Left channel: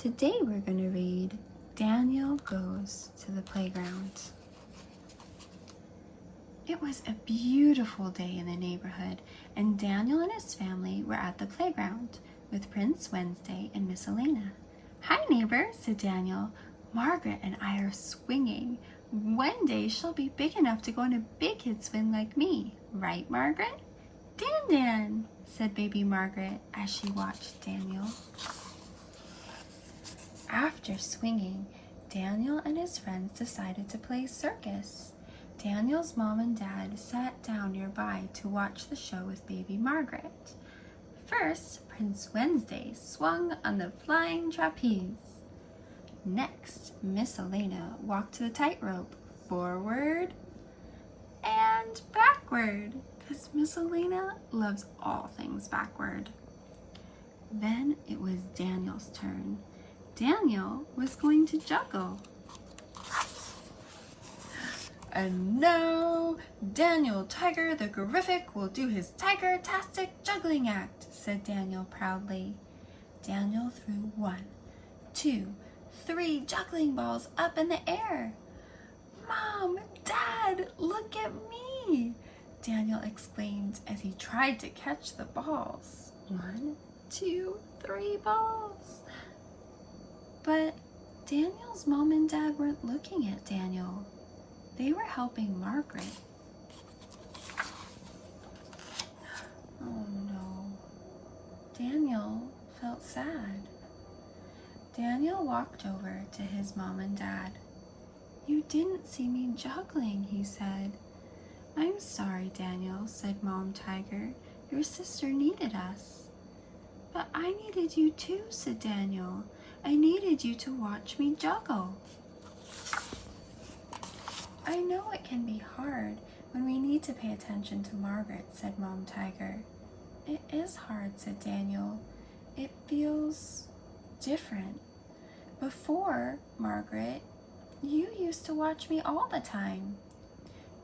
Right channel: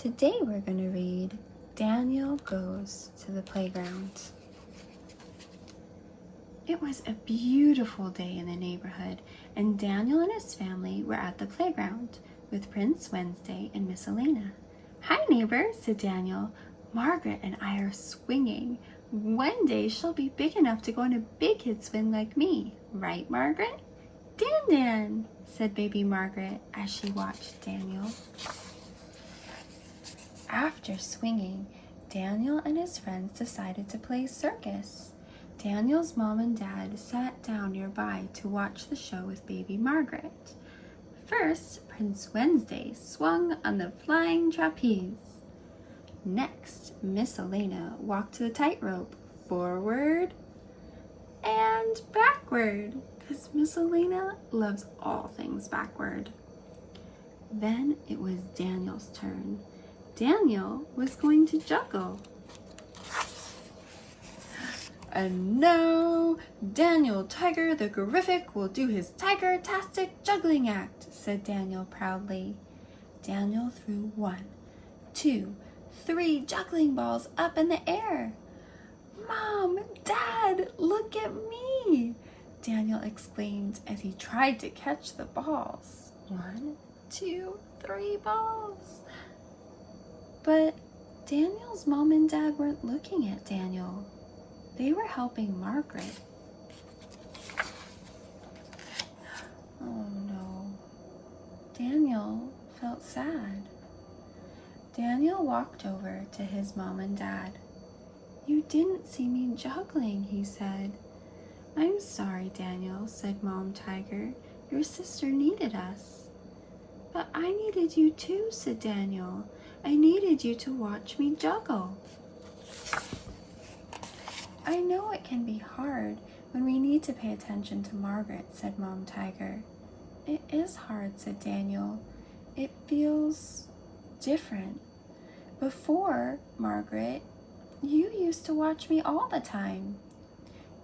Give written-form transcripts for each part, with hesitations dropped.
Today we're going to read Daniel Goes to the Playground. It was a beautiful day in the neighborhood, and Daniel and his family were at the playground with Prince Wednesday and Miss Elena. "Hi, neighbor," said Daniel. "Margaret and I are swinging. One day she'll be big enough to go on a big kid swing like me. Right, Margaret?" "Dan," said baby Margaret as she watched Daniel. After swinging, Daniel and his friends decided to play circus. Daniel's mom and dad sat down nearby to watch the show with baby Margaret. First, Prince Wednesday swung on the flying trapeze. Next, Miss Elena walked to the tightrope, forward and backward, because Miss Elena loves all things backward. Then it was Daniel's turn. Daniel was going to juggle. "And now, Daniel Tiger the Gorific will do his tiger-tastic juggling act," said Daniel proudly. Daniel threw 1, 2, 3 juggling balls up in the air. "Mom, Dad, look at me!" Daniel exclaimed as he tried to catch the balls. 1, 2, 3 balls. But Daniel's mom and dad weren't looking at Daniel. They were helping Margaret. Oh no. Daniel felt sad. Daniel walked over to his mom and dad. "You didn't see me juggling," he said. "I'm sorry, Daniel," said Mom Tiger. "Your sister needed us." "But I needed you too," said Daniel. "I needed you to watch me juggle." "I know it can be hard when we need to pay attention to Margaret," said Mom Tiger. "It is hard," said Daniel. "It feels different. Before, Margaret, you used to watch me all the time."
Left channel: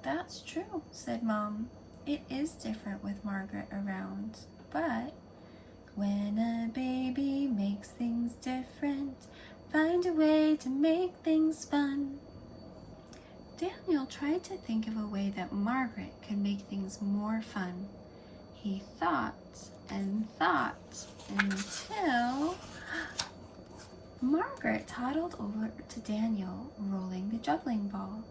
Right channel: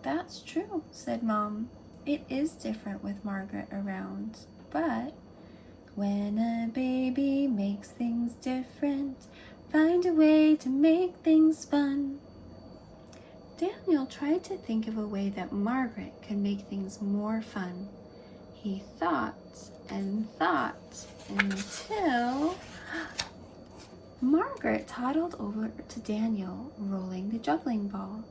"That's true," said Mom. "It is different with Margaret around, but when a baby makes things different, find a way to make things fun." Daniel tried to think of a way that Margaret could make things more fun. He thought and thought until Margaret toddled over to Daniel, rolling the juggling ball.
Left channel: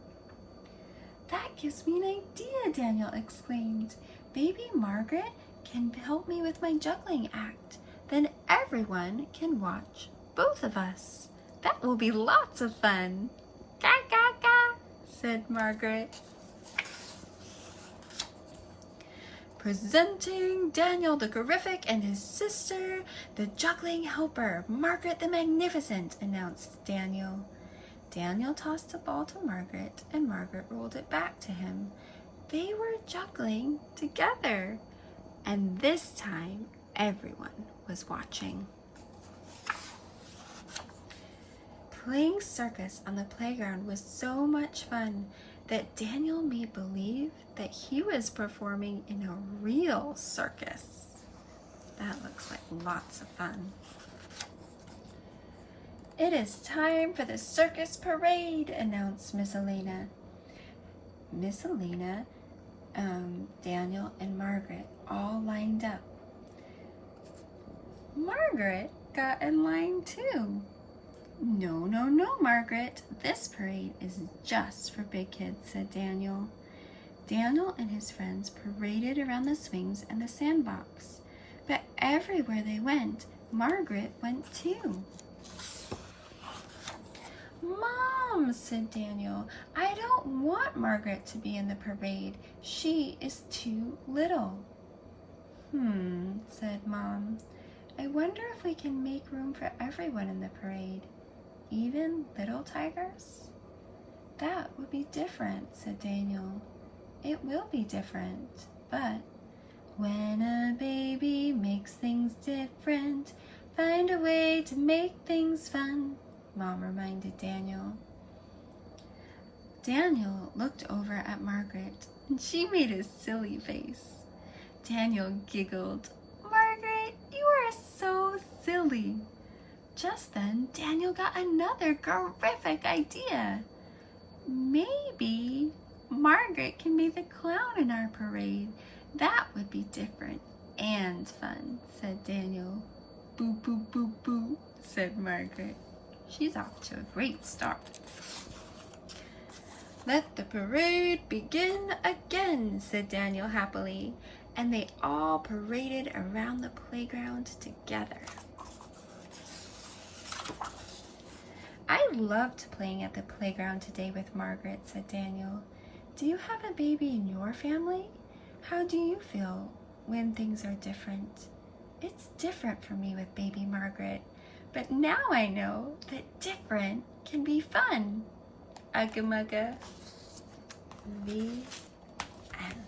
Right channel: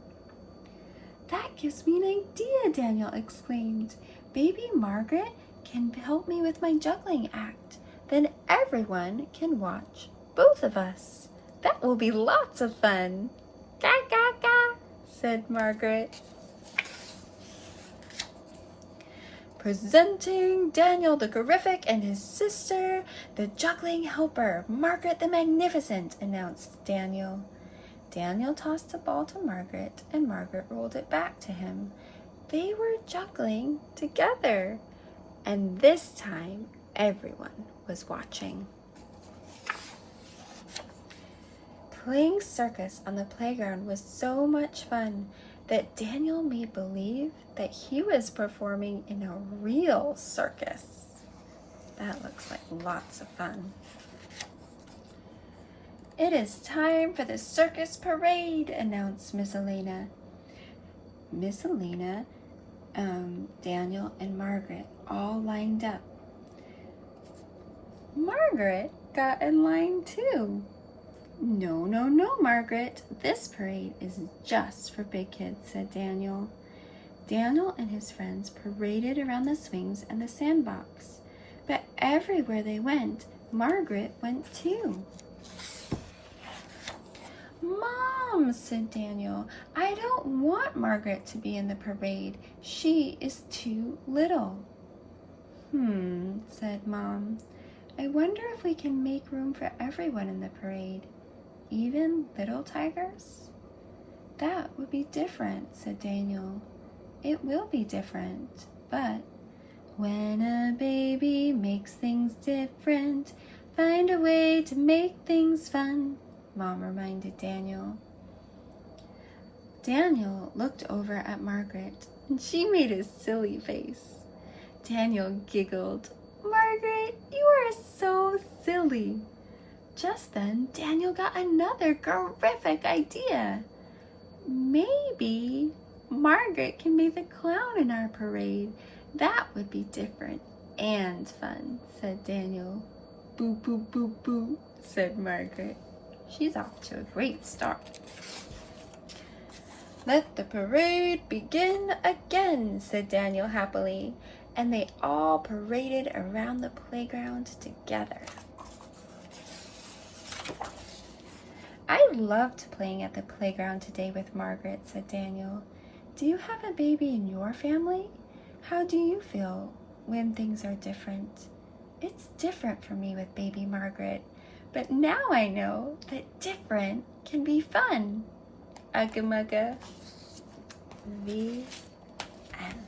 "That gives me an idea," Daniel exclaimed. "Baby Margaret can help me with my juggling act. Then everyone can watch both of us. That will be lots of fun." "Ga, ga, ga," said Margaret. "Presenting Daniel the Gorific and his sister, the juggling helper, Margaret the Magnificent," announced Daniel. Daniel tossed the ball to Margaret, and Margaret rolled it back to him. They were juggling together, and this time everyone was watching. Playing circus on the playground was so much fun that Daniel made believe that he was performing in a real circus. That looks like lots of fun. "It is time for the circus parade," announced Miss Elena. Miss Elena, Daniel, and Margaret all lined up. Margaret got in line too. No, Margaret. This parade is just for big kids," said Daniel. Daniel and his friends paraded around the swings and the sandbox. But everywhere they went, Margaret went too. "Mom," said Daniel, "I don't want Margaret to be in the parade. She is too little." Said Mom. "I wonder if we can make room for everyone in the parade, even little tigers?" "That would be different," said Daniel. "It will be different, but when a baby makes things different, find a way to make things fun," Mom reminded Daniel. Daniel looked over at Margaret, and she made a silly face. Daniel giggled. "Margaret, you are so silly." Just then, Daniel got another terrific idea. Maybe Margaret can be the clown in our parade. That would be different and fun, said Daniel. Boo, boo, boo, boo, said Margaret. She's off to a great start. Let the parade begin again, said Daniel happily, and they all paraded around the playground together. I loved playing at the playground today with Margaret, said Daniel. Do you have a baby in your family? How do you feel when things are different? It's different for me with baby Margaret, but now I know that different can be fun. Ugga mugga. The end.